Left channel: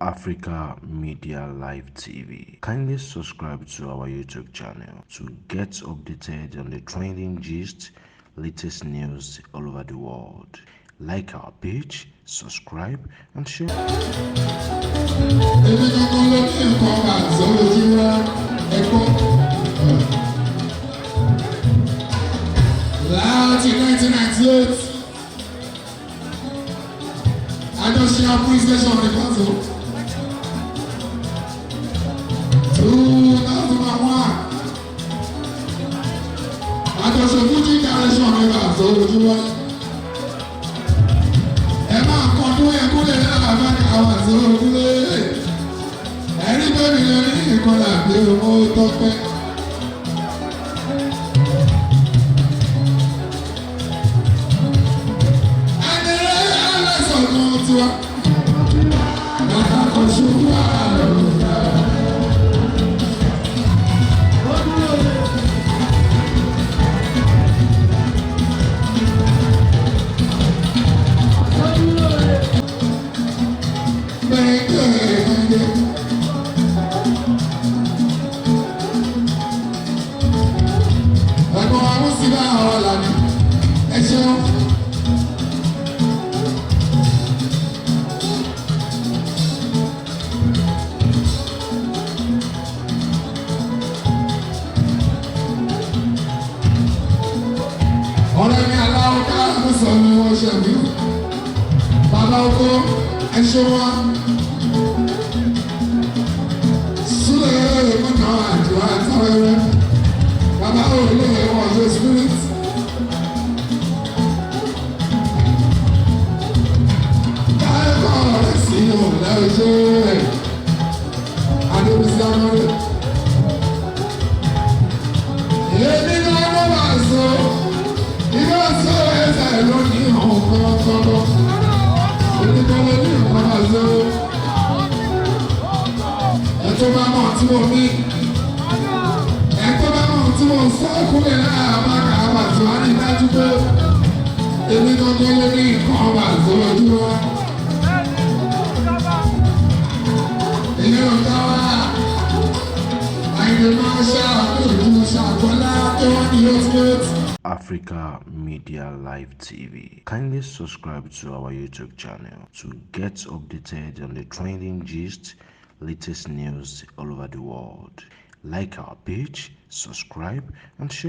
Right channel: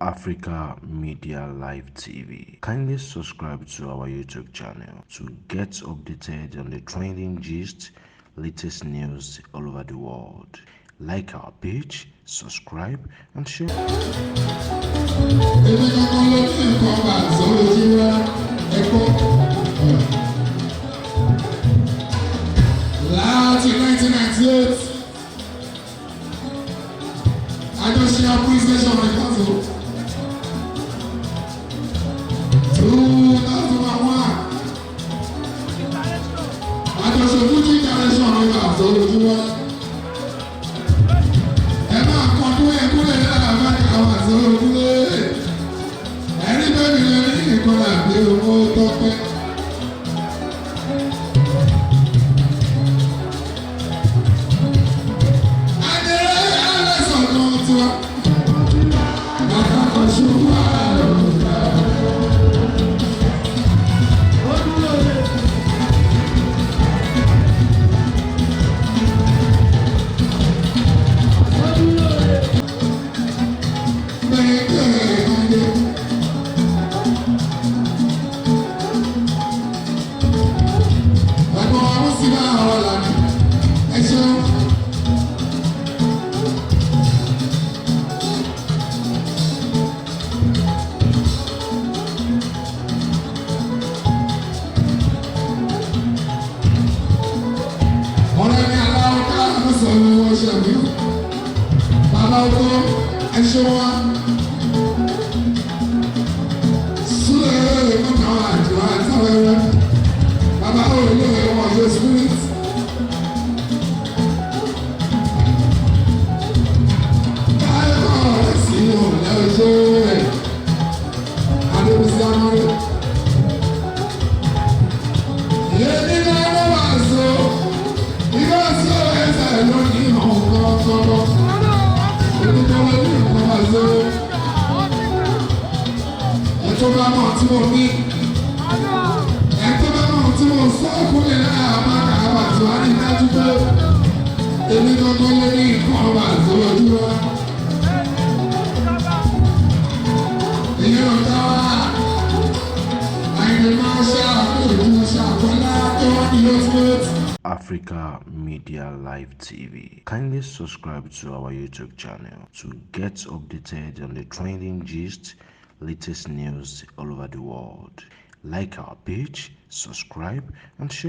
Africa Media Live TV. Kindly subscribe to our YouTube channel to get updated on the trending gist, latest news all over the world. Like our page, subscribe, and share. Láti 1998, àjọṣe police station rẹ̀ pàtó. 2001, àjọṣe Fuji Alao Malaika lójúmọ́. Ẹ máa kọ́ tó yẹ kó lè lára àbájá àwọn àti olókùnlé. Ẹni bẹ́ẹ̀ mi lè ní ìkọlà bí owó tọ́pẹ́. Bàbá oko ẹṣọ wa súlẹ̀ nínú àjọ àtàwẹ̀rẹ̀ bàbá òye ọ̀yọ́ spirit. Káyọ̀ sí ọ̀lẹ́ ọjọ́ rẹ̀ Adébísí Amọ́rẹ́. Èmi náà wọ́n wá so ìyá sọ ẹsẹ̀ lónìí ọ̀kan tọ́lọ́. Ẹ̀tọ́ bá mọ̀ tí mo ní, ẹ̀tọ́ bá mọ̀ tí mo sọ kúrò lára àmàkà àbàtì wá ní dájú pé èmi kankan ló ní nǹkan ọba àti ojú wa. Èyí ò dá wa, àìlè máa ṣàkóso ṣàkólá tó wá ní lọ́sibẹ́tì. Africa Media Live TV. Kindly subscribe to our YouTube channel to get updated on the trending gist, latest news all over the world. Like our page, subscribe, and share.